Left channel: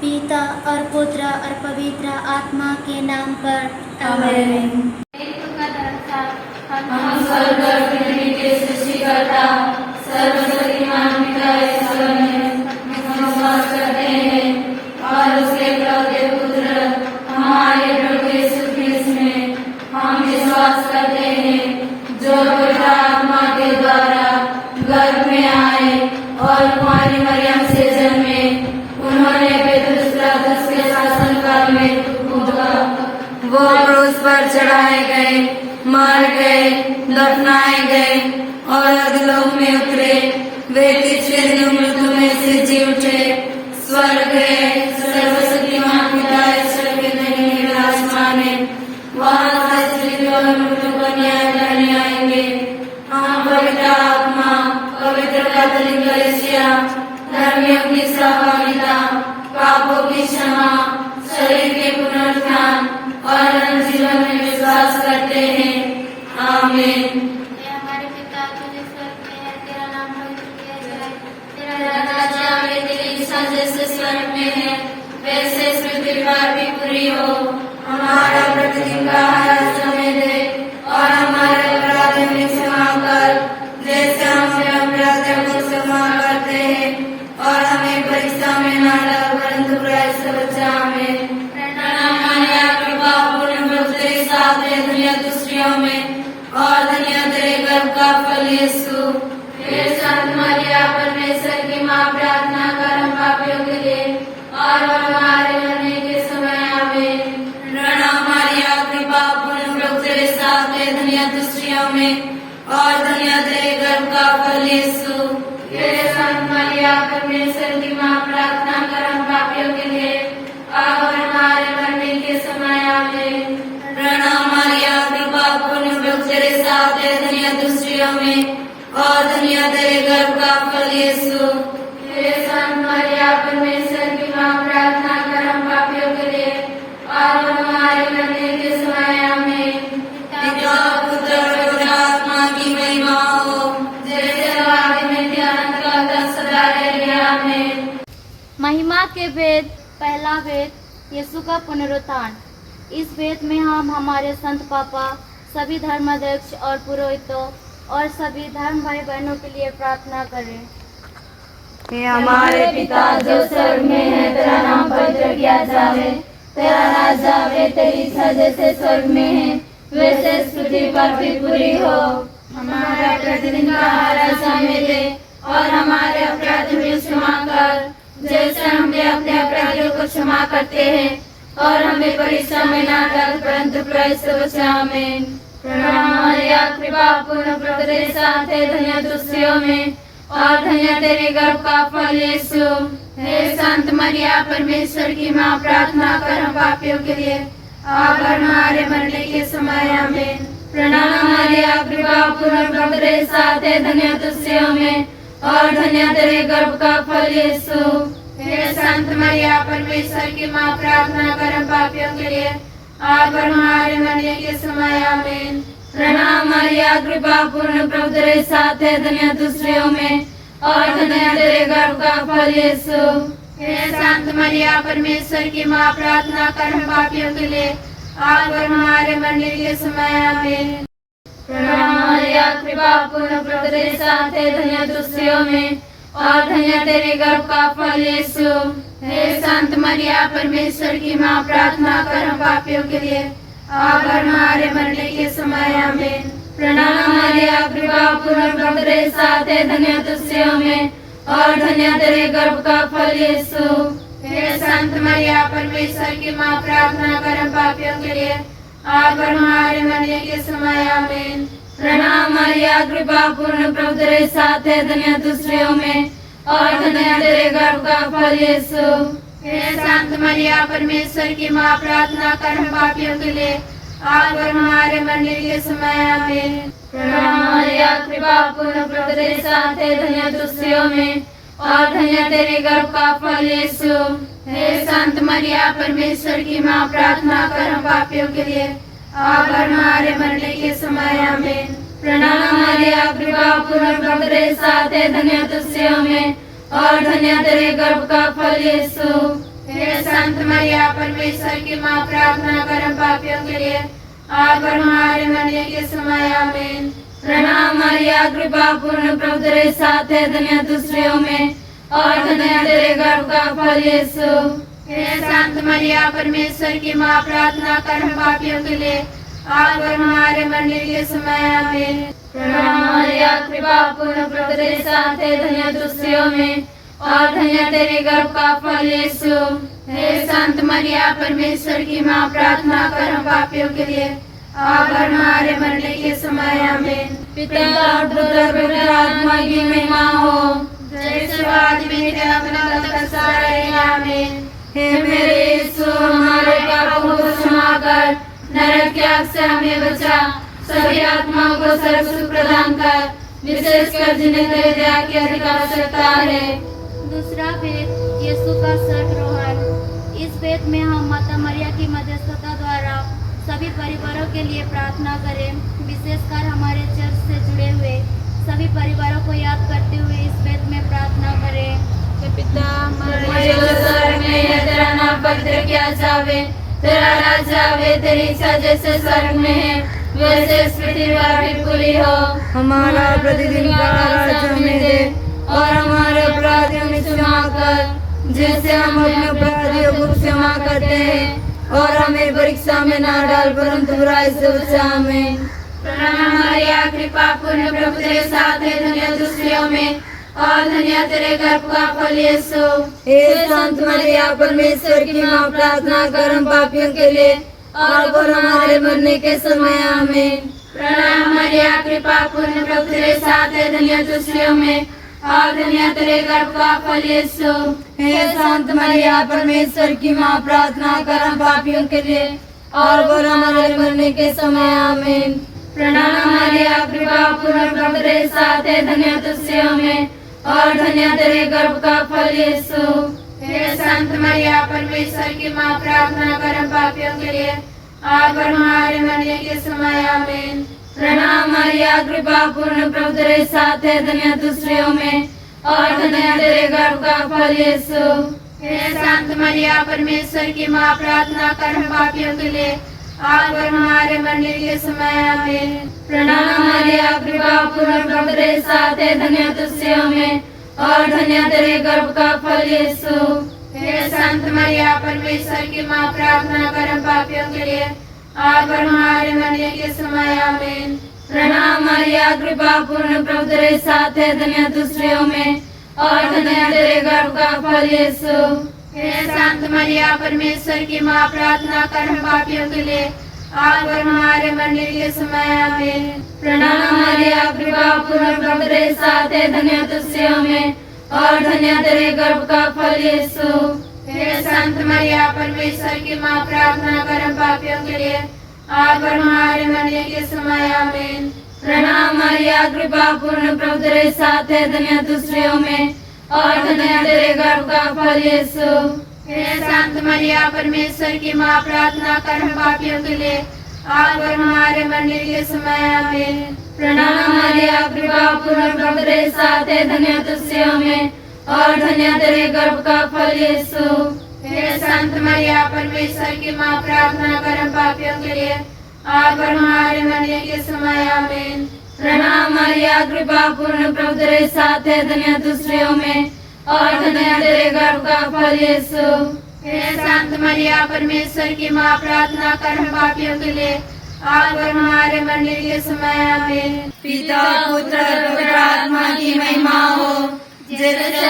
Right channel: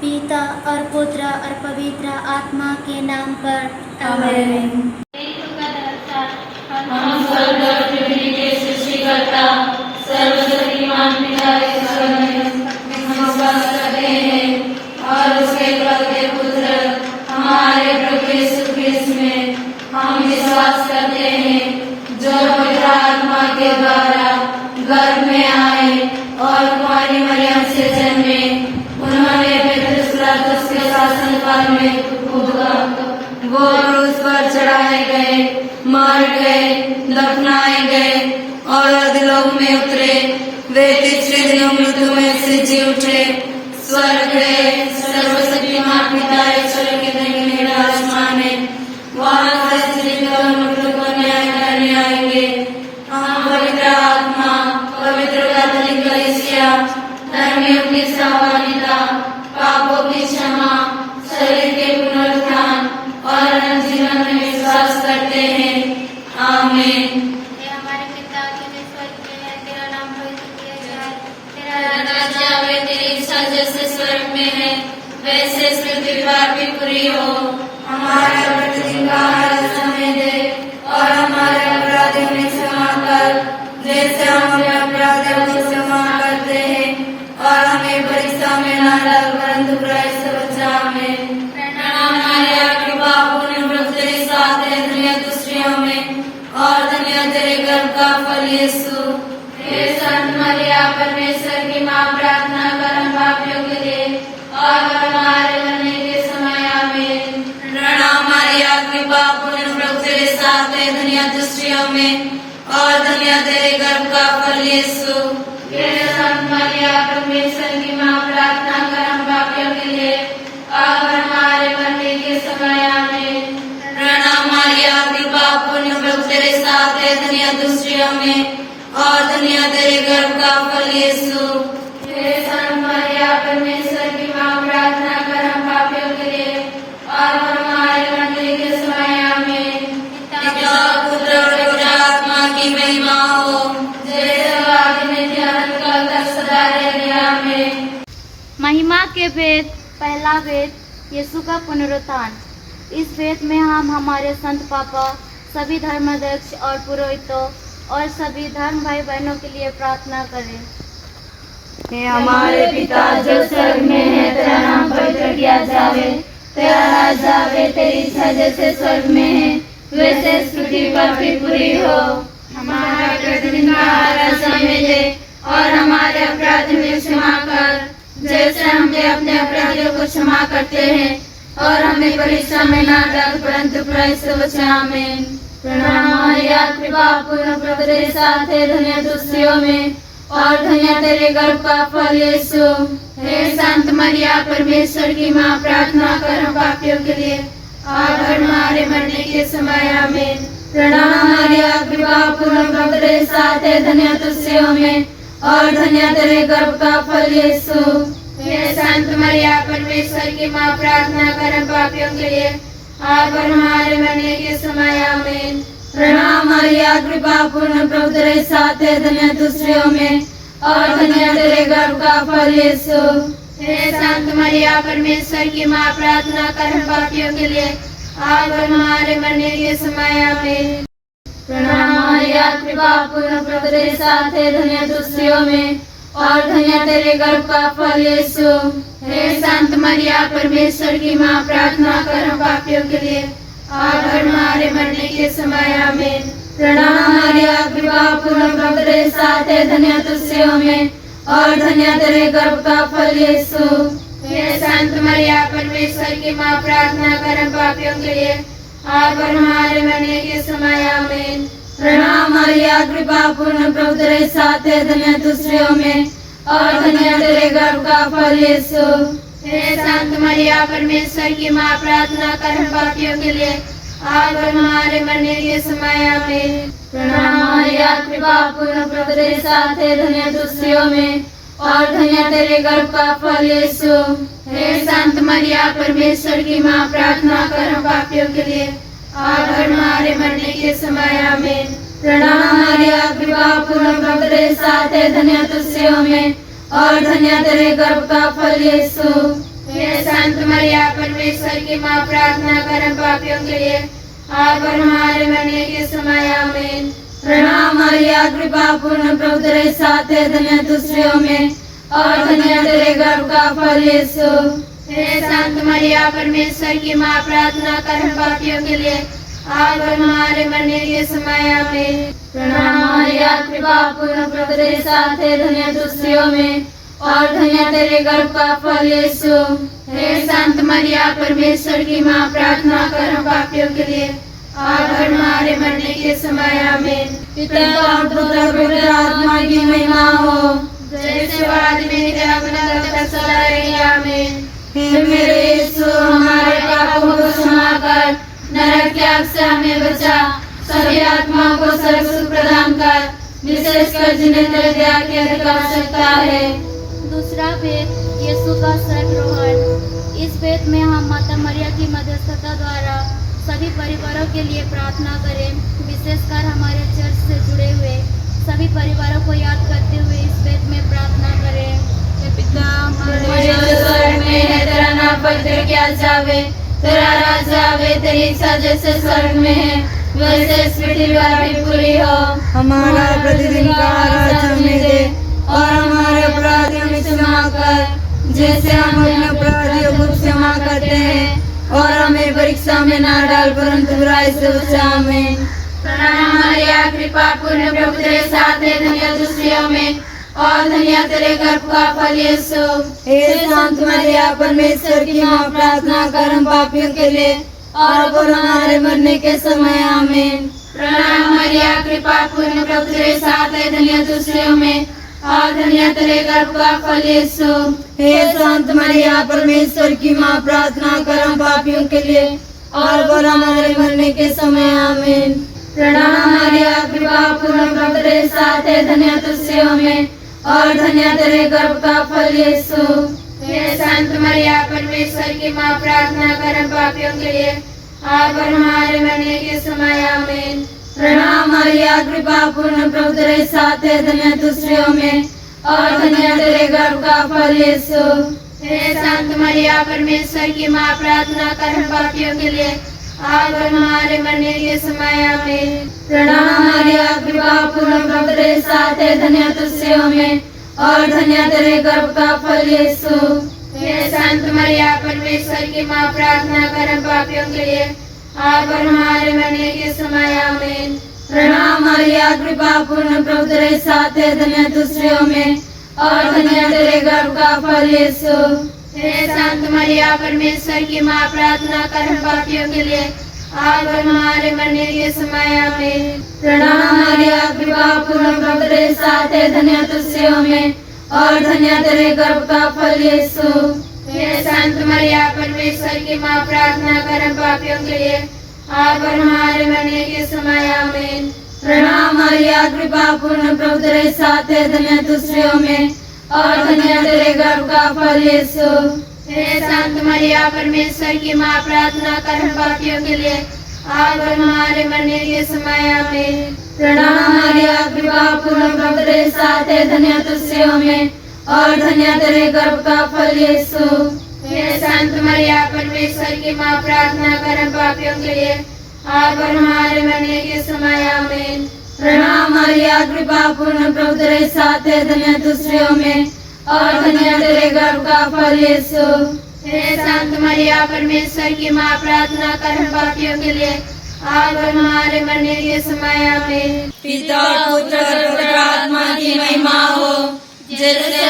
पिता और पुत्र और पवित्र आत्मा के नाम पर आमीन। हम स्वर्ग और पृथ्वी के सृष्टिकर्ता सर्वशक्तिमान पिता ईश्वर में विश्वास करते हैं और उसके एकलौते पुत्र हमारे प्रभु यीशु ख्रिस्त में हम विश्वास करते हैं, जो पवित्र आत्मा के द्वारा गर्भ में आए और कुमारी मरियम से जन्मे। उन्होंने पितृ के शासनकाल में वो क्रूस पर चढ़ाए गए, मर गए, दफनाए गए और अधोलोक में उतरे। वे तीसरे दिन मृत्यु में से जी उठे, स्वर्ग गए, सर्वशक्तिमान पिता ईश्वर के धर्म विराजमान है। वहाँ जीवित और मृत्यु का न्याय करने आएंगे। हम पवित्र आत्मा, पवित्र कैथोलिक कलीसिया, धर्मियों की सहभागिता, पापों की क्षमा, शरीर के पुनरुत्थान और अनंत जीवन में विश्वास करते हैं। आमीन। हमारे पिता के स्वर्ग में है, तेरा नाम पवित्र जाए, तेरा राज्य आए, तेरी इच्छा जैसे स्वर्ग में है वैसे पृथ्वी पर भी पूरी हो। हमारा प्रतिदिन का आहार हमें दे और हमारे अपराधों की क्षमा कर, जैसे हम अपने अपराधियों को क्षमा करते हैं, और हमें परीक्षा में न डाल परंतु बुराई से बचा। आमीन। प्रणाम मरिया, कृपा पूर्ण प्रभु तेरे साथ है, धन्य तू स्त्रियों में और धन्य तेरे गर्भ का फल यीशु। हे संत मरिया, परमेश्वर की माँ, प्रार्थना कर हम पापियों के लिए और हमारे मरने के समय। आमीन। प्रणाम मरिया, कृपा पूर्ण प्रभु तेरे साथ है, धन्य तू स्त्रियों में और धन्य तेरे गर्भ का फल यीशु। हे संत मरिया, परमेश्वर की माँ, प्रार्थना कर हम पापियों के लिए और हमारे मरने के समय। आमीन। प्रणाम मरिया, कृपा पूर्ण प्रभु तेरे साथ है, धन्य तू स्त्रियों में और धन्य तेरे गर्भ का फल यीशु। हे संत मरिया, परमेश्वर की माँ, प्रार्थना कर हम पापियों के लिए और हमारे मरने के समय। आमीन। पिता पुत्र और पवित्र आत्मा की महिमा हो, जैसे आदि में ध्यान का सदा रहे। आमीन। महिमा के वेद। पहला वेद, यीशु का पुनरुत्थान। इस वेद में हम हमारे संत पापा, सभी धर्माध्यक्ष और पुरोहितों और सभी धर्म भाई बहनों के लिए प्रार्थना करें। हे हमारे पिता जो स्वर्ग में है, तेरा नाम पवित्र किया जावे, तेरा राज्य आवे, तेरी इच्छा जैसे स्वर्ग में है वैसे पृथ्वी पर भी पूरी हो। हमारा प्रतिदिन का आहार हमें दे और हमारे अपराध में क्षमा कर, जैसे हम अपने अपराधियों को क्षमा करते हैं, और हमें परीक्षा में न डाल परंतु बुराई से बचा। आमीन। प्रणाम मरिया, कृपा पूर्ण प्रभु तेरे साथ है, धन्य तू स्त्रियों में और धन्य तेरे गर्भ का फल यीशु। हे संत मरिया, परमेश्वर की माँ, प्रार्थना कर हम पापियों के लिए और हमारे मरने के समय। आमीन। प्रणाम मरिया, कृपा पूर्ण प्रभु तेरे साथ है, धन्य तू स्त्रियों में और धन्य तेरे गर्भ का फल यीशु। हे संत मरिया, परमेश्वर की माँ, प्रार्थना कर हम पापियों के लिए और हमारे मरने के समय। आमीन। प्रणाम मरिया, कृपा पूर्ण प्रभु तेरे साथ है, धन्य तू स्त्रियों में और धन्य तेरे गर्भ का फल यीशु। हे संत मरिया, परमेश्वर की माँ, प्रार्थना कर हम पापियों के लिए और हमारे मरने के समय। आमीन। प्रणाम मरिया, कृपा पूर्ण प्रभु तेरे साथ है, धन्य तू स्त्रियों में और धन्य तेरे गर्भ का फल यीशु। हे संत मरिया, परमेश्वर की माँ, प्रार्थना कर हम पापियों के लिए और हमारे मरने के समय। आमीन। प्रणाम मरिया, कृपा पूर्ण प्रभु तेरे साथ है, धन्य तू स्त्रियों में और धन्य तेरे गर्भ का फल यीशु। हे संत मरिया, परमेश्वर की माँ, प्रार्थना कर हम पापियों के लिए और हमारे मरने के समय। आमीन। प्रणाम मरिया, कृपा पूर्ण प्रभु तेरे साथ है, धन्य तू स्त्रियों में और धन्य तेरे गर्भ का फल यीशु। हे संत मरिया, परमेश्वर की माँ, प्रार्थना कर हम पापियों के लिए और हमारे मरने के समय। आमीन। प्रणाम मरिया, कृपा पूर्ण प्रभु तेरे साथ है, धन्य तू स्त्रियों में और धन्य तेरे गर्भ का फल यीशु। हे संत मरिया, परमेश्वर की माँ, प्रार्थना कर हम पापियों के लिए और हमारे मरने के समय। आमीन। प्रणाम मरिया, कृपा पूर्ण प्रभु तेरे साथ है, धन्य तू स्त्रियों में और धन्य तेरे गर्भ का फल यीशु। हे संत मरिया परमेश्वर की माँ, प्रार्थना कर हम पापियों के लिए आज और हमारे मरने के समय आमीन। प्रणाम मरिया, कृपा पूर्ण, प्रभु तेरे साथ है, धन्य तू स्त्रियों में और धन्य तेरे गर्भ का फल यीशु। हे संत मरिया परमेश्वर की माँ, प्रार्थना कर हम पापियों के लिए आज और हमारे मरने के समय आमीन। प्रणाम मरिया, कृपा पूर्ण, प्रभु तेरे साथ है, धन्य तू स्त्रियों में और धन्य तेरे गर्भ का फल यीशु। हे संत मरिया परमेश्वर की माँ, प्रार्थना कर हम पापियों के लिए आज और हमारे मरने के समय आमीन। पिता पुत्र पवित्र आत्मा की महिमा हो, जैसे आज मेरे आमीन। हे मेरे यीशु, हमारे पापों को क्षमा कर, नरक के आग से हमें बचा, सभी आत्माओं को स्वर्ग सुख प्रदान कर, विशेषकर जिन्हें तेरे दया की अधिक आवश्यकता है। दूसरा भेद, यीशु का स्वर्गारोहण। इस भेद में हम माता मरिया की मध्यस्थता द्वारा सभी परिवारों के लिए प्रार्थना करें, विशेषकर हमारे चर्च से जुड़े हुए सभी परिवारों को याद करते हुए इस भेद में प्रार्थना करें। पिता हमारे जो स्वर्ग में है, तेरा नाम पवित्र किया जावे, तेरा राज्य आवे, तेरी इच्छा जैसे स्वर्ग में है वैसे इस पृथ्वी पर भी पूरी हो। हमारा प्रतिदिन का आहार हमें दे और हमारे अपराधियों में क्षमा कर, जैसे हम अपने अपराधियों को क्षमा करते हैं, और हमें परीक्षा में ना डाल परंतु बुराई से बचा हमें। प्रणाम मरिया, कृपा पूर्ण, प्रभु तेरे साथ है, धन्य तू स्त्रियों में और धन्य तेरे गर्भ का फल यीशु। हे संत मरिया परमेश्वर की माँ, प्रार्थना कर हम पापियों के लिए और हमारे मरने के समय आमीन। प्रणाम मरिया, कृपा पूर्ण, प्रभु तेरे साथ है, धन्य तू स्त्रियों में और धन्य तेरे गर्भ का फल यीशु। हे संत मरिया परमेश्वर की माँ, प्रार्थना कर हम पापियों के लिए और हमारे मरने के समय आमीन। प्रणाम मरिया, कृपा पूर्ण, प्रभु तेरे साथ है, धन्य तू स्त्रियों में और धन्य तेरे गर्भ का फल यीशु। हे संत मरिया परमेश्वर की माँ, प्रार्थना कर हम पापियों के लिए आज और हमारे मरने के समय आमीन। प्रणाम मरिया, कृपा पूर्ण, प्रभु तेरे साथ है, धन्य तू स्त्रियों में और धन्य तेरे गर्भ का फल यीशु। हे संत मरिया परमेश्वर की माँ, प्रार्थना कर हम पापियों के लिए आज और हमारे मरने के समय आमीन। प्रणाम मरिया, कृपा पूर्ण, प्रभु तेरे साथ है, धन्य तू स्त्रियों में और धन्य तेरे गर्भ का फल यीशु। हे संत मरिया परमेश्वर की माँ, प्रार्थना कर हम पापियों के लिए आज और हमारे मरने के समय आमीन। प्रणाम मरिया, कृपा पूर्ण, प्रभु तेरे साथ है, धन्य तू स्त्रियों में और धन्य तेरे गर्भ का फल यीशु। हे संत मरिया परमेश्वर की माँ, प्रार्थना कर हम पापियों के लिए आज और हमारे मरने के समय आमीन। प्रणाम मरिया, कृपा पूर्ण, प्रभु तेरे साथ है, धन्य तू स्त्रियों में और धन्य तेरे गर्भ का फल यीशु। हे संत मरिया परमेश्वर की माँ, प्रार्थना कर हम पापियों के लिए आज और हमारे मरने के समय आमीन। प्रणाम मरिया, कृपा पूर्ण, प्रभु तेरे साथ है, धन्य तू स्त्रियों में और धन्य तेरे गर्भ का फल यीशु। हे संत मरिया परमेश्वर की माँ, प्रार्थना कर हम पापियों के लिए आज और हमारे मरने के समय आमीन। प्रणाम मरिया, कृपा पूर्ण, प्रभु तेरे साथ है, धन्य तू स्त्रियों में और धन्य तेरे गर्भ का फल यीशु। हे संत मरिया परमेश्वर की माँ, प्रार्थना कर हम पापियों के लिए आज और हमारे मरने के समय आमीन। प्रणाम मरिया, कृपा पूर्ण, प्रभु तेरे साथ है, धन्य तू स्त्रियों में और धन्य तेरे गर्भ का फल यीशु। हे संत मरिया परमेश्वर की माँ, प्रार्थना कर हम पापियों के लिए आज और हमारे मरने के समय आमीन। पिता पुत्र पवित्र आत्मा की महिमा हो, जैसे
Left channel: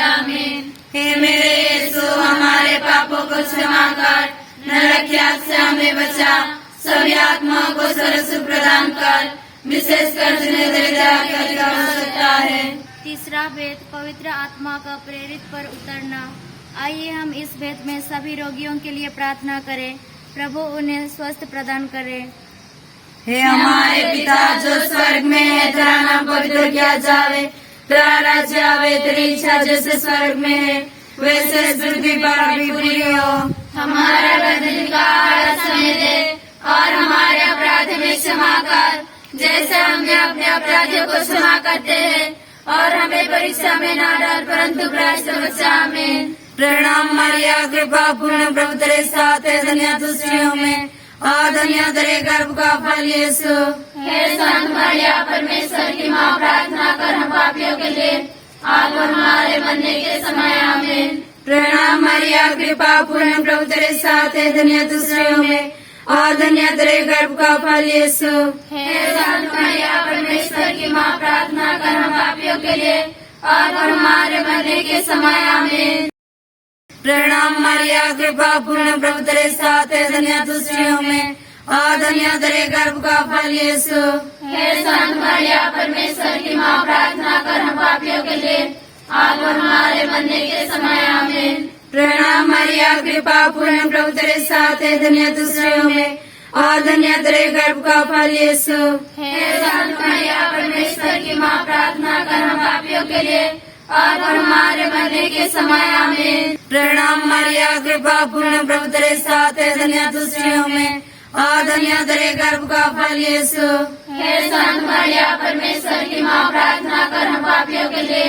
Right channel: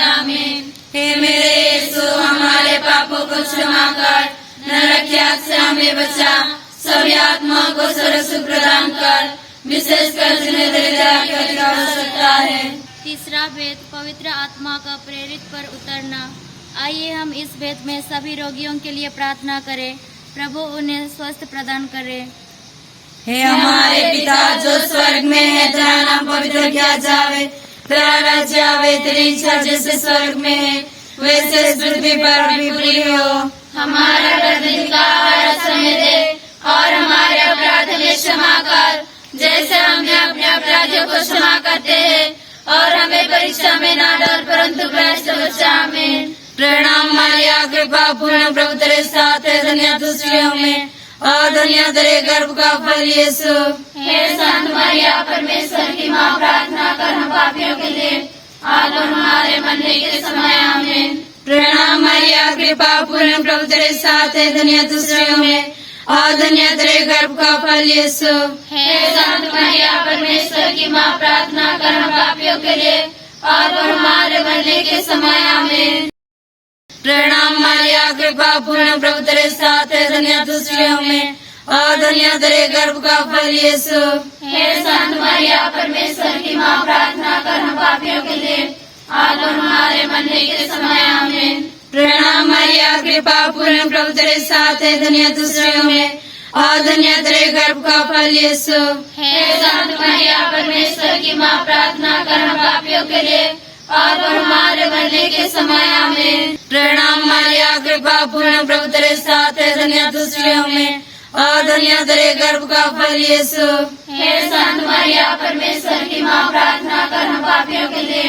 आमीन। हे मेरे यीशु, हमारे पापों को क्षमा कर, नरक की आग से हमें बचा, सभी आत्माओं को स्वर्ग सुख प्रदान कर, विशेषकर जिन्हें तेरी दया की अधिक आवश्यकता है। तीसरा भेद, पवित्र आत्मा का प्रेरित पर उतरना। आइए हम इस भेद में सभी रोगियों के लिए प्रार्थना करें, प्रभु उन्हें स्वस्थ प्रदान करे। हे हमारे पिता जो स्वर्ग में है, तेरा नाम पवित्र किया जावे, तेरा राज्य आवे, तेरी इच्छा जैसे स्वर्ग में है वैसे इस पृथ्वी पर भी पूरी हो। हमारा प्रतिदिन का आहार हमें दे और हमारे अपराध में क्षमा कर, जैसे हम भी अपने अपराधियों को क्षमा करते हैं, और हमें परीक्षा में ना डाल परंतु बुराई से बचा। आमीन। प्रणाम मारिया, कृपा पूर्ण, प्रभु तेरे साथ है, धन्य तू स्त्रियों में और धन्य तेरे गर्भ का फल यीशु। हे संत मरिया, परमेश्वर की माँ, प्रार्थना कर हम पापियों के लिए अब और हमारे मरने के समय। आमीन। प्रणाम मारिया, कृपा पूर्ण, प्रभु तेरे साथ है, धन्य तू स्त्रियों में और धन्य तेरे गर्भ का फल यीशु। हे संत मरिया, परमेश्वर की माँ, प्रार्थना कर हम पापियों के लिए अब और हमारे मरने के समय। आमीन। प्रणाम मारिया, कृपा पूर्ण, प्रभु तेरे साथ है, धन्य तू स्त्रियों में और धन्य तेरे गर्भ का फल यीशु। हे संत मरिया, परमेश्वर की माँ, प्रार्थना कर हम पापियों के लिए अब और हमारे मरने के समय। आमीन। प्रणाम मारिया, कृपा पूर्ण, प्रभु तेरे साथ है, धन्य तू स्त्रियों में और धन्य तेरे गर्भ का फल यीशु। हे संत मरिया, परमेश्वर की माँ, प्रार्थना कर हम पापियों के लिए अब और हमारे मरने के समय। आमीन। प्रणाम मारिया, कृपा पूर्ण, प्रभु तेरे साथ है, धन्य तू स्त्रियों में और धन्य तेरे गर्भ का फल यीशु। हे संत मरिया, परमेश्वर की माँ, प्रार्थना कर हम पापियों के लिए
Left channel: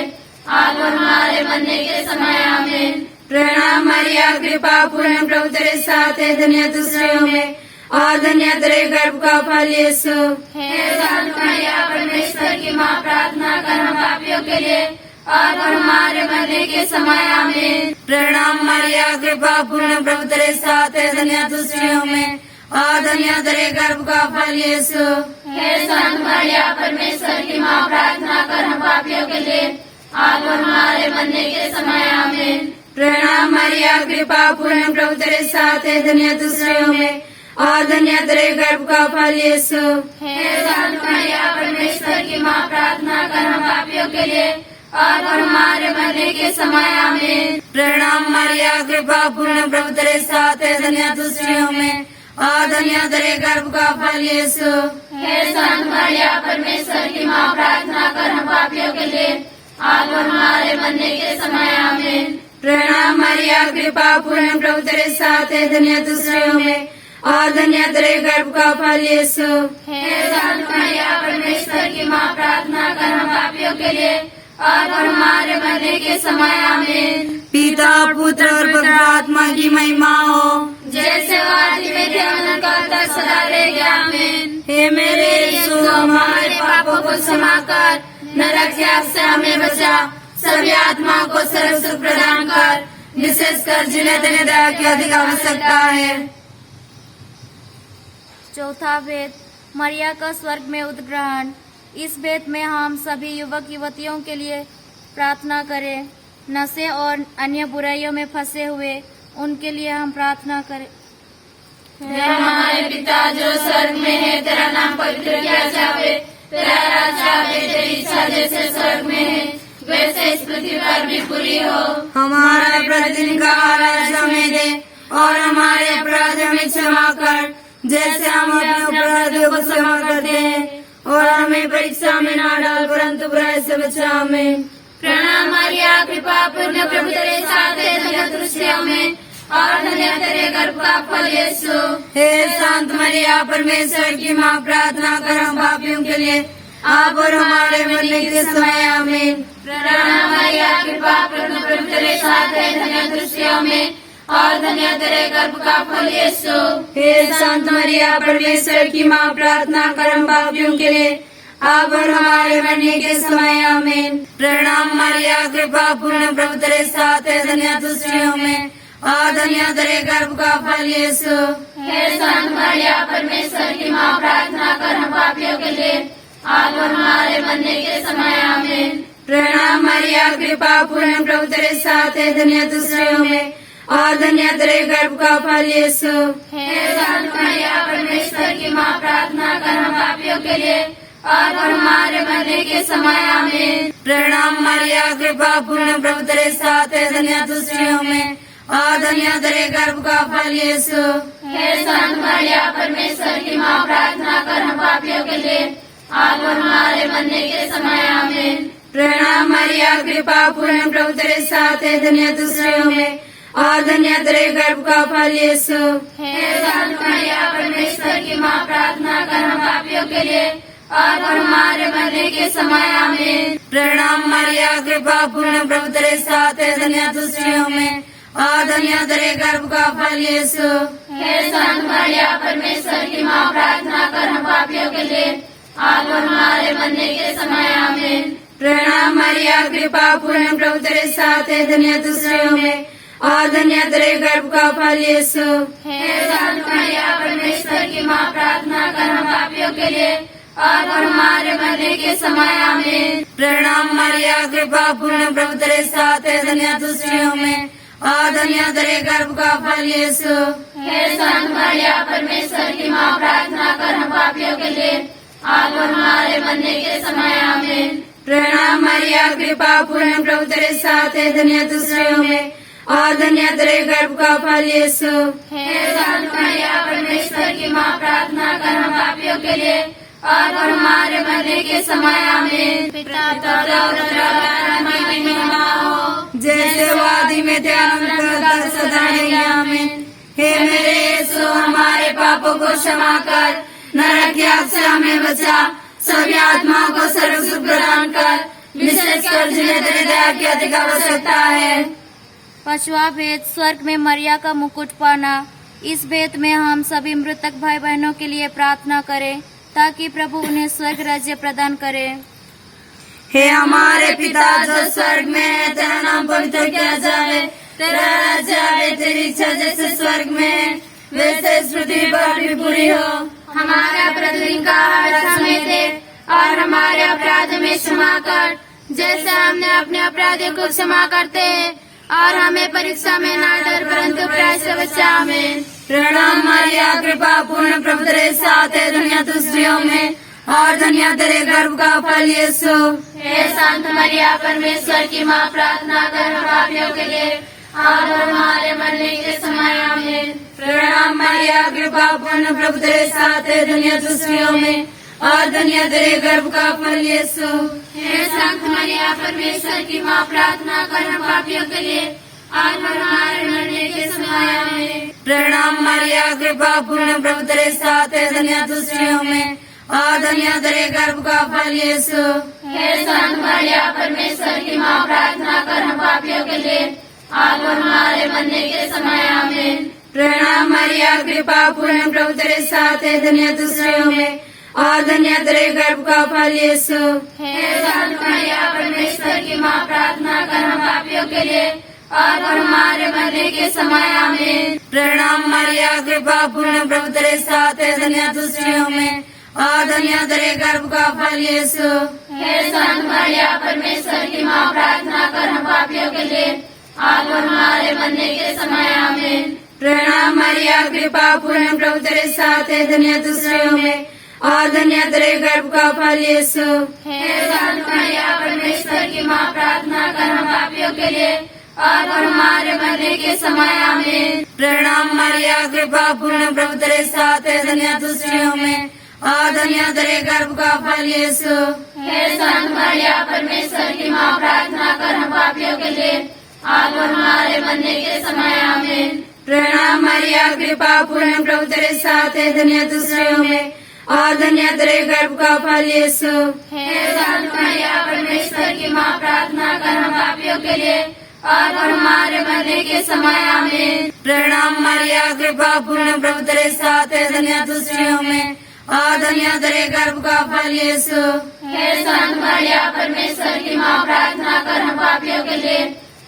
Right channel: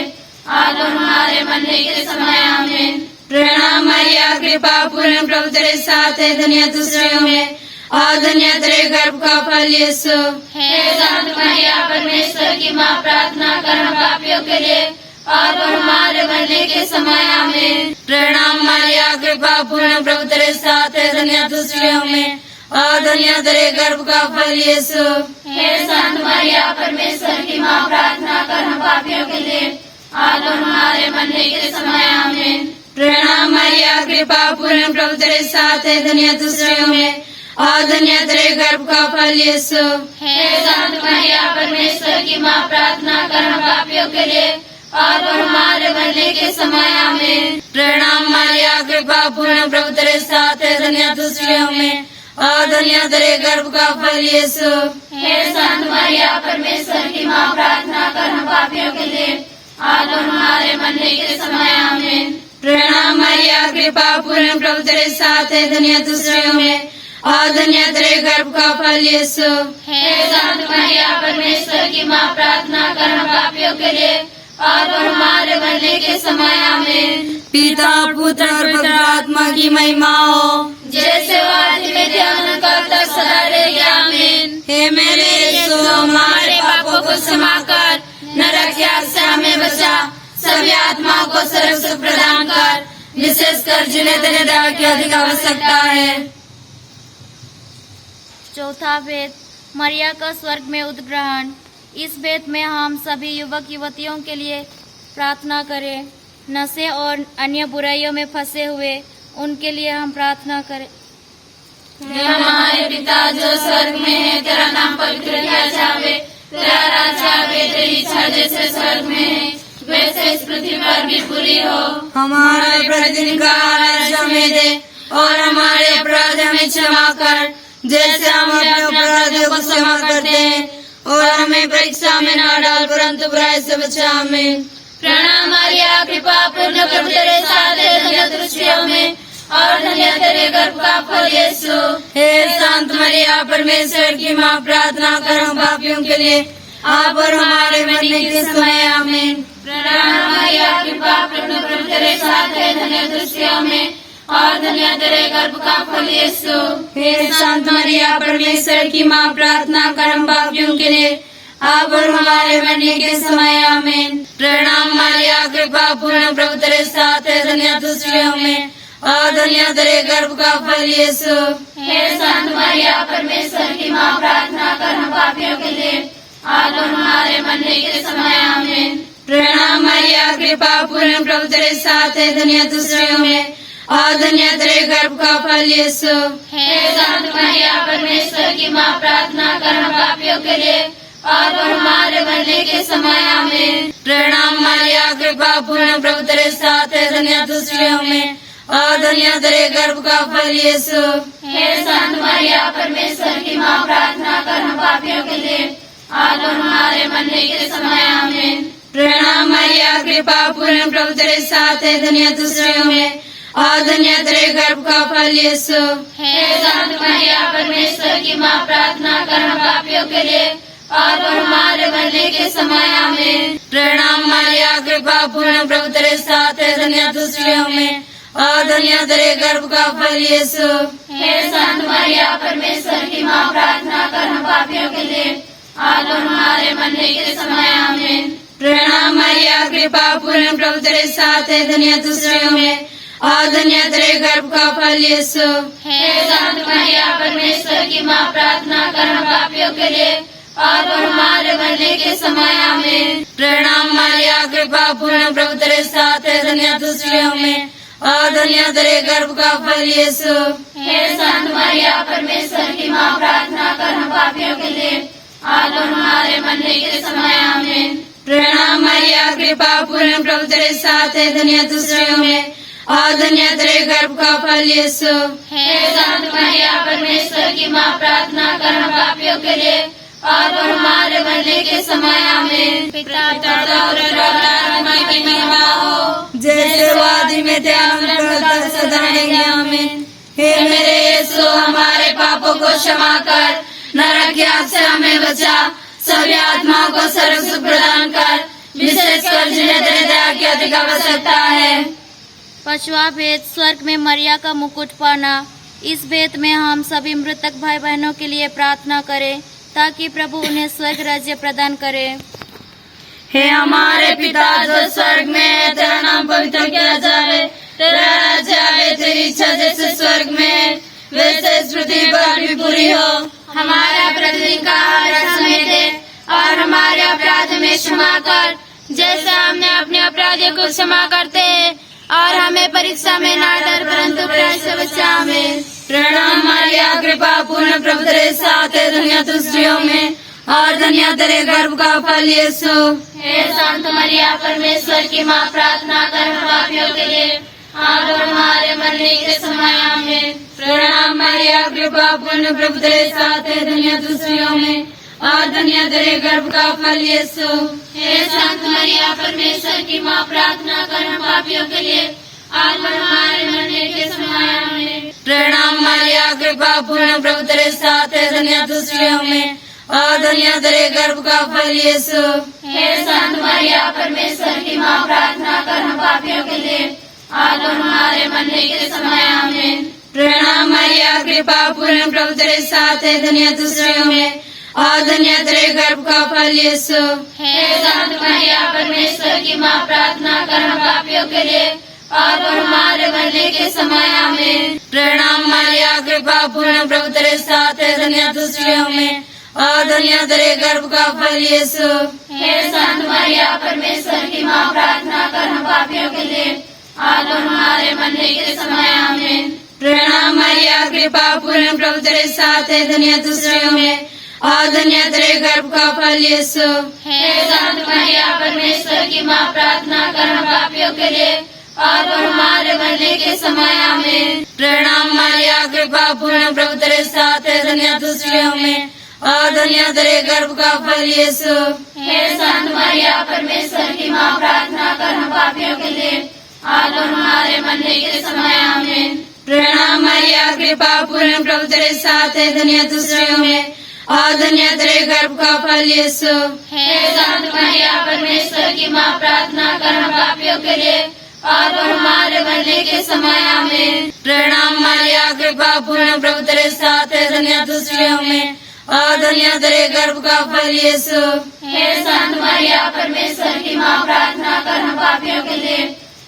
अब और हमारे मरने के समय। आमीन। प्रणाम मारिया, कृपा पूर्ण, प्रभु तेरे साथ है, धन्य तू स्त्रियों में और धन्य तेरे गर्भ का फल यीशु। हे संत मरिया, परमेश्वर की माँ, प्रार्थना कर हम पापियों के लिए अब और हमारे मरने के समय। आमीन। प्रणाम मारिया, कृपा पूर्ण, प्रभु तेरे साथ है, धन्य तू स्त्रियों में और धन्य तेरे गर्भ का फल यीशु। हे संत मरिया, परमेश्वर की माँ, प्रार्थना कर हम पापियों के लिए अब और हमारे मरने के समय। आमीन। प्रणाम मारिया, कृपा पूर्ण, प्रभु तेरे साथ है, धन्य तू स्त्रियों में और धन्य तेरे गर्भ का फल यीशु। हे संत मरिया, परमेश्वर की माँ, प्रार्थना कर हम पापियों के लिए अब और हमारे मरने के समय। आमीन। प्रणाम मारिया, कृपा पूर्ण, प्रभु तेरे साथ है, धन्य तू स्त्रियों में और धन्य तेरे गर्भ का फल यीशु। हे संत मरिया, परमेश्वर की माँ, प्रार्थना कर हम पापियों के लिए अब और हमारे मरने के समय। आमीन। प्रणाम मारिया, कृपा पूर्ण, प्रभु तेरे साथ है, धन्य तू स्त्रियों में और धन्य तेरे गर्भ का फल यीशु। हे संत मरिया, परमेश्वर की माँ, प्रार्थना कर हम पापियों के लिए अब और हमारे मरने के समय। आमीन। पिता, पुत्र और पवित्र आत्मा की महिमा हो, जैसे वो आदि में थे अनंत काल तक सदा रहेगी। आमीन। हे मेरे यीशु, हमारे पापों को क्षमा कर, नरक की आग से हमें बचा, सभी आत्माओं को स्वर्ग सुख प्रदान कर, विशेषकर जिन्हें तेरे दया की अधिक आवश्यकता है। चौथा भेद, मरिया का स्वर्ग में उद्ग्रहण। इस भेद में हम सभी युवक युवतियों के लिए प्रार्थना करें। नशे और अन्य बुराइयों में फंसे हुए उनके लिए हम प्रार्थना करें। हे हमारे पिता जो स्वर्ग में है, तेरा नाम पवित्र किया जावे, तेरा राज्य आवे, तेरी इच्छा जैसे स्वर्ग में है वैसे इस पृथ्वी पर भी पूरी हो। हमारा प्रतिदिन का आहार हमें दे और हमारे अपराध हमें क्षमा कर, जैसे हम अपने अपराधियों को क्षमा करते हैं, और हमें परीक्षा में ना डाल परंतु बुराई से बचा। आमीन। प्रणाम मारिया, कृपा पूर्ण, प्रभु तेरे साथ है, धन्य तू स्त्रियों में और धन्य तेरे गर्भ का फल यीशु। हे संत मरिया, परमेश्वर की माँ, प्रार्थना कर हम पापियों के लिए अब और हमारे मरने के समय। आमीन। प्रणाम मारिया, कृपा पूर्ण, प्रभु तेरे साथ है, धन्य तू स्त्रियों में और धन्य तेरे गर्भ का फल यीशु। हे संत मरिया, परमेश्वर की माँ, प्रार्थना कर हम पापियों के लिए अब और हमारे मरने के समय। आमीन। प्रणाम मारिया, कृपा पूर्ण, प्रभु तेरे साथ है, धन्य तू स्त्रियों में और धन्य तेरे गर्भ का फल यीशु। हे संत मरिया, परमेश्वर की माँ, प्रार्थना कर हम पापियों के लिए अब और हमारे मरने के समय। आमीन। प्रणाम मारिया, कृपा पूर्ण, प्रभु तेरे साथ है, धन्य तू स्त्रियों में और धन्य तेरे गर्भ का फल यीशु। हे संत मरिया, परमेश्वर की माँ, प्रार्थना कर हम पापियों के लिए अब और हमारे मरने के समय। आमीन। प्रणाम मारिया, कृपा पूर्ण, प्रभु तेरे साथ है, धन्य तू स्त्रियों में और धन्य तेरे गर्भ का फल यीशु। हे संत मरिया, परमेश्वर की माँ, प्रार्थना कर हम पापियों के लिए अब और हमारे मरने के समय। आमीन। प्रणाम मारिया, कृपा पूर्ण, प्रभु तेरे साथ है, धन्य तू स्त्रियों में और धन्य तेरे गर्भ का फल यीशु। हे संत मरिया, परमेश्वर की माँ, प्रार्थना कर हम पापियों के लिए अब और हमारे मरने के समय आमीन। प्रणाम मरिया कृपा पूर्ण प्रभु तेरे साथ है, धन्य तू स्त्रियों में और धन्य तेरे गर्भ का फल यीशु। हे संत मरिया परमेश्वर की माँ, प्रार्थना कर हम पापियों के लिए अब और हमारे मरने के समय आमीन। प्रणाम मरिया कृपा पूर्ण प्रभु तेरे साथ है, धन्य तू स्त्रियों में और धन्य तेरे गर्भ का फल यीशु। हे संत मरिया परमेश्वर की माँ, प्रार्थना कर हम पापियों के लिए अब और हमारे मरने के समय आमीन। प्रणाम मरिया कृपा पूर्ण प्रभु तेरे साथ है, धन्य तू स्त्रियों में और धन्य तेरे गर्भ का फल यीशु। हे संत मरिया परमेश्वर की माँ, प्रार्थना कर हम पापियों के लिए अब और हमारे मरने के समय आमीन। प्रणाम मरिया कृपा पूर्ण प्रभु तेरे साथ है, धन्य तू स्त्रियों में और धन्य तेरे गर्भ का फल यीशु। हे संत मरिया परमेश्वर की माँ, प्रार्थना कर हम पापियों के लिए अब और हमारे मरने के समय आमीन। पिता की महिमा हो, जैसे वादी में ध्यान सदा आमीन। हे मेरे यीशु, हमारे पापों को क्षमा कर, नरक की आग से हमें बचा, सभी आत्माओं को सर्व सुख प्रदान कर, विशेषकर जिन्हें तेरे दया की अति आवश्यकता है। पांचवा भेद, स्वर्ग में मरिया का मुकुट पाना। इस भेद में हम सभी मृतक भाई बहनों के लिए प्रार्थना करें ताकि प्रभु उन्हें स्वर्ग राज्य प्रदान करे। हे हमारे पिता जो स्वर्ग में है, तेरा नाम पवित्र किया जाए, तेरा राज्य आए, तेरी इच्छा जैसे स्वर्ग में है वैसे इस पृथ्वी पर भी पूरी हो। हमारा प्रतिदिन का आहार आज हमें दे और हमारे अपराध में क्षमा कर, जैसे हमने अपने अपराधियों को क्षमा करते हैं, और हमें परीक्षा में ना डर परंतु बुराई से बचा। आमीन। प्रणाम मरिया कृपा पूर्ण प्रभु तेरे साथ है, धन्य तू स्त्रियों में और धन्य तेरे गर्भ का फल यीशु। हे संत मरिया परमेश्वर की माँ, प्रार्थना कर हम पापियों के लिए अब और हमारे मरने के समय आमीन। प्रणाम मरिया कृपा पूर्ण प्रभु तेरे साथ है, धन्य तू स्त्रियों में और धन्य तेरे गर्भ का फल यीशु। हे संत मरिया परमेश्वर की माँ, प्रार्थना कर हम पापियों के लिए अब और हमारे मरने के समय आमीन। प्रणाम मरिया कृपा पूर्ण प्रभु तेरे साथ है, धन्य तू स्त्रियों में और धन्य तेरे गर्भ का फल यीशु। हे संत मरिया परमेश्वर की माँ, प्रार्थना कर हम पापियों के लिए अब और हमारे मरने के समय आमीन। प्रणाम मरिया कृपा पूर्ण प्रभु तेरे साथ है, धन्य तू स्त्रियों में और धन्य तेरे गर्भ का फल यीशु। हे संत मरिया परमेश्वर की माँ, प्रार्थना कर हम पापियों के लिए अब और हमारे मरने के समय आमीन। प्रणाम मरिया कृपा पूर्ण प्रभु तेरे साथ है, धन्य तू स्त्रियों में और धन्य तेरे गर्भ का फल यीशु। हे संत मरिया परमेश्वर की माँ, प्रार्थना कर हम पापियों के लिए अब और हमारे मरने के समय आमीन। प्रणाम मरिया कृपा पूर्ण प्रभु तेरे साथ है, धन्य तू स्त्रियों में और धन्य तेरे गर्भ का फल यीशु। हे संत मरिया परमेश्वर की माँ, प्रार्थना कर हम पापियों के लिए अब और हमारे मरने के समय आमीन। प्रणाम मरिया कृपा पूर्ण प्रभु तेरे साथ है, धन्य तू स्त्रियों में और धन्य तेरे गर्भ का फल यीशु। हे संत मरिया परमेश्वर की माँ, प्रार्थना कर हम पापियों के लिए अब और हमारे मरने के समय आमीन। प्रणाम मरिया कृपा पूर्ण प्रभु तेरे साथ है, धन्य तू स्त्रियों में और धन्य तेरे गर्भ का फल यीशु। हे संत मरिया परमेश्वर की माँ, प्रार्थना कर हम पापियों के लिए अब और हमारे मरने के समय आमीन। प्रणाम मरिया कृपा पूर्ण प्रभु तेरे साथ है, धन्य तू स्त्रियों में और धन्य तेरे गर्भ का फल यीशु। हे संत मरिया परमेश्वर की माँ, प्रार्थना कर हम पापियों के लिए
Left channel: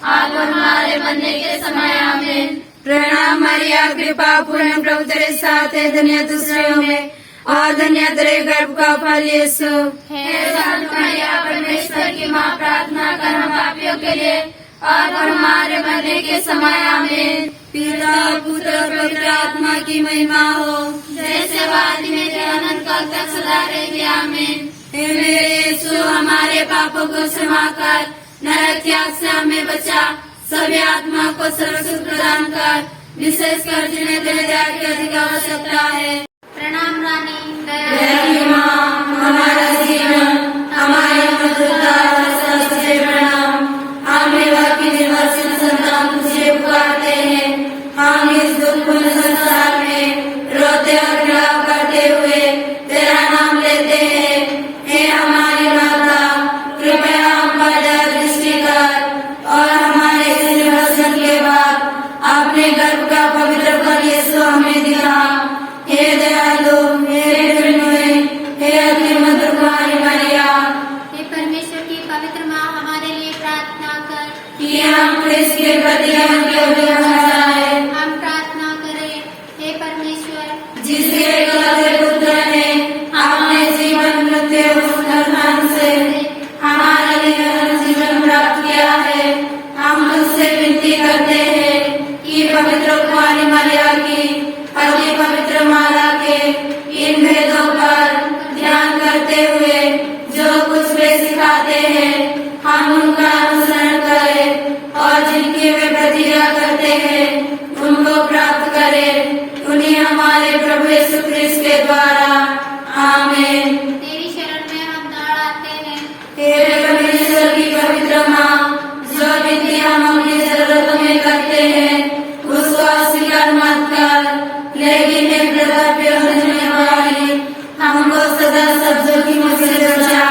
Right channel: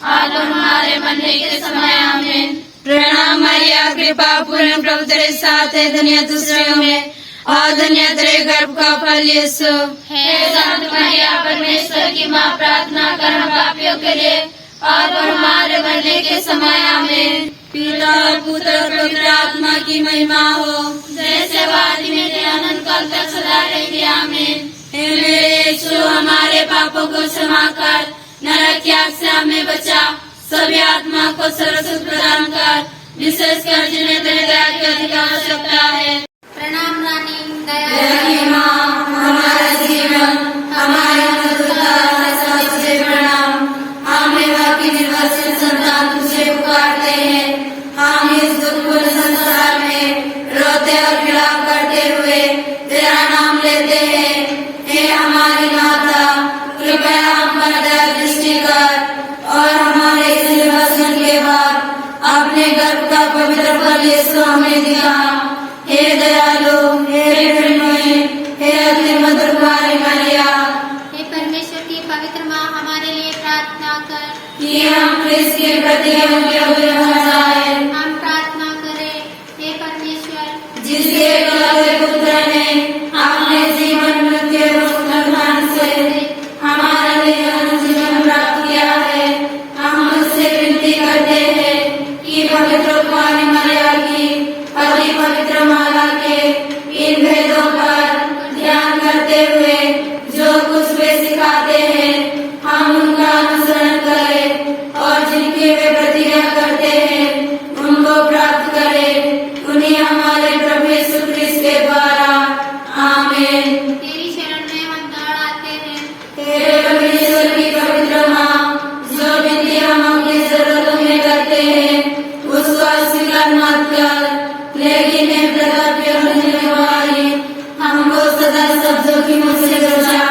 अब और हमारे मरने के समय आमीन। प्रणाम मरिया कृपा पूर्ण प्रभु तेरे साथ है, धन्य तू स्त्रियों में और धन्य तेरे गर्भ का फल यीशु। हे संत मरिया परमेश्वर की माँ, प्रार्थना कर हम पापियों के लिए अब और हमारे मरने के समय आमीन। पिता और पुत्र और पवित्र आत्मा की महिमा हो, जैसे वादी में थे अनंत काल तक सदा रहेगी। आमीन। हे मेरे यीशु, हमारे पापों को क्षमा कर, नरक की आग से हमें बचा, सभी आत्माओं को सर्व सुख प्रदान कर, विशेषकर जिन्हें तेरे दया की अधिक आवश्यकता है। प्रणाम रानी दया हे माँ, हमारा जीवन, हमारी मधुरता तथा तुझे प्रणाम। हम निर्भर की निर्भरशील संतान तुझे पुकारते हैं। हम इस दुखपूर्ण संसार में रोते और विलाप करते हुए तेरा नाम लेते हैं। अपने गर्भ का पवित्र फल यीशु हमें दिया। हे दयालु, हे प्रेममय, हे अति मधुर कुमारी मरिया, हे परमेश्वर की पवित्र माँ, हमारे लिए प्रार्थना कर कि हम क्रिस्त के प्रति योग्य हो जाए। हम प्रार्थना करें। हे परमेश्वर, जिसके एकलौते पुत्र ने अपने जीवन मृत्यु और पुनरुत्थान से हमारे लिए अनंत जीवन प्राप्त किया है, हम उससे विनती करते हैं कि पवित्र कुमारी मरिया की अति पवित्र माला के इन भेदों पर ध्यान करते हुए जो कुछ वे सिखाते हैं, हम उनका अनुसरण करें और जिनकी वे प्रतिज्ञा करते हैं उनको प्राप्त करें। उन्हें हमारे प्रभु यीशु क्रिस्त के द्वारा। आमीन। तेरी शरण में हम दौड़ आते हैं। हे परमेश्वर की पवित्र माँ, जो विनती हम अपनी जरूरतों में करते हैं उसको अस्वीकार मत कर, लेकिन एक कर्तव्य निभाई हमको सदा सब जोखिमों से बचा।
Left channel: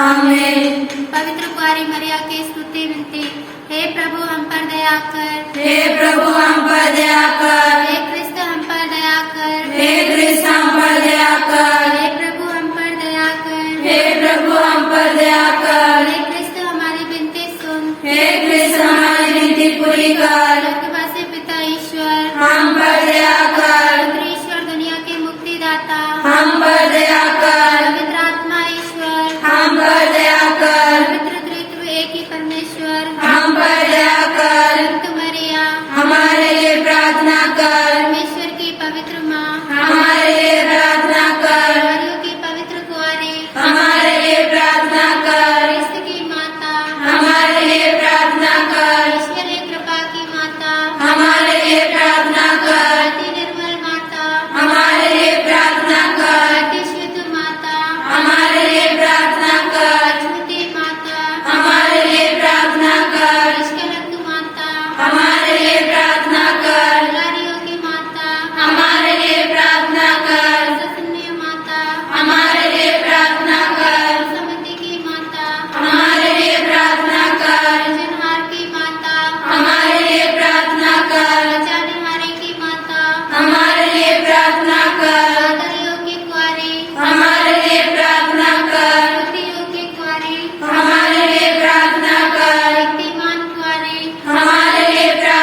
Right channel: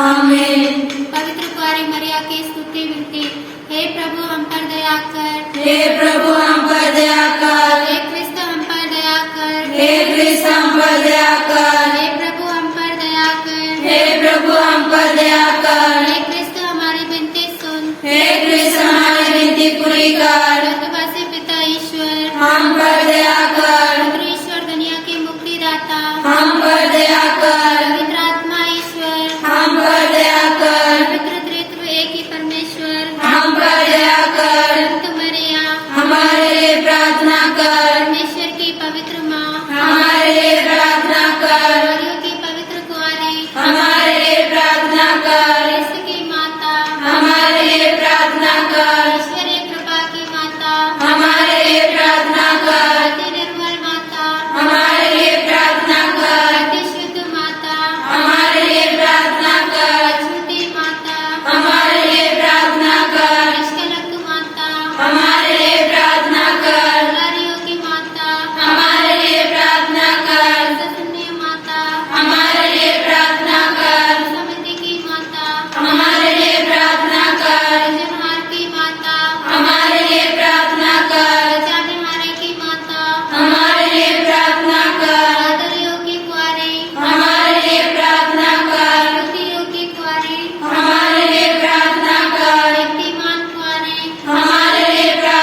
आमीन। पवित्र कुमारी मरिया की स्तुति विनती। हे प्रभु, हम पर दया कर। हे प्रभु, हम पर दया कर। हे क्रिस्त, हम पर दया कर। हे क्रिस्त, हम पर दया कर। हे प्रभु, हम पर दया कर। हे प्रभु, हम पर दया कर। हे क्रिस्त, हमारी विनती सुन। हे क्रिस्त, हमारी विनती पूरी कर। स्वर्गवासी पिता ईश्वर, हम पर दया कर। पुत्र ईश्वर, दुनिया के मुक्तिदाता, हम पर दया कर। पवित्र आत्मा ईश्वर, हम पर दया कर। पवित्र त्रित्व एक ही परमेश्वर, हम पर दया कर। संत मरिया, हमारे लिए प्रार्थना कर। परमेश्वर की पवित्र माँ, हमारे लिए प्रार्थना कर। प्रभु की पवित्र कुंवारी, हमारे लिए प्रार्थना कर। क्रिस्त की माता, हमारे लिए प्रार्थना कर। ईश्वरीय कृपा की माता, हमारे लिए प्रार्थना कर। अति निर्मल माता, हमारे लिए प्रार्थना कर। अति शुद्ध माता, हमारे लिए प्रार्थना कर। छोटी माता, हमारे लिए प्रार्थना कर। निष्कलंक माता, हमारे लिए प्रार्थना कर। नारियों की माता, हमारे लिए प्रार्थना कर। सतन्य माता, हमारे लिए प्रार्थना कर। समिति की माता, हमारे लिए प्रार्थना कर। सृजनहार की माता, हमारे लिए प्रार्थना कर। बचा बिहारी की माता, हमारे लिए प्रार्थना कर। पागलियों की कुंवारी, हमारे लिए प्रार्थना कर। युवतियों की कुंवारी, हमारे लिए प्रार्थना कर। शक्तिमान कुंवारी, हमारे लिए प्रार्थना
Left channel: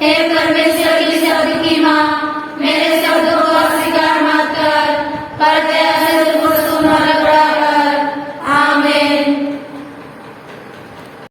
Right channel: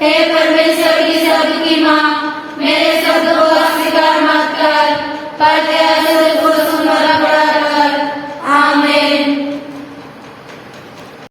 हे परमेश्वर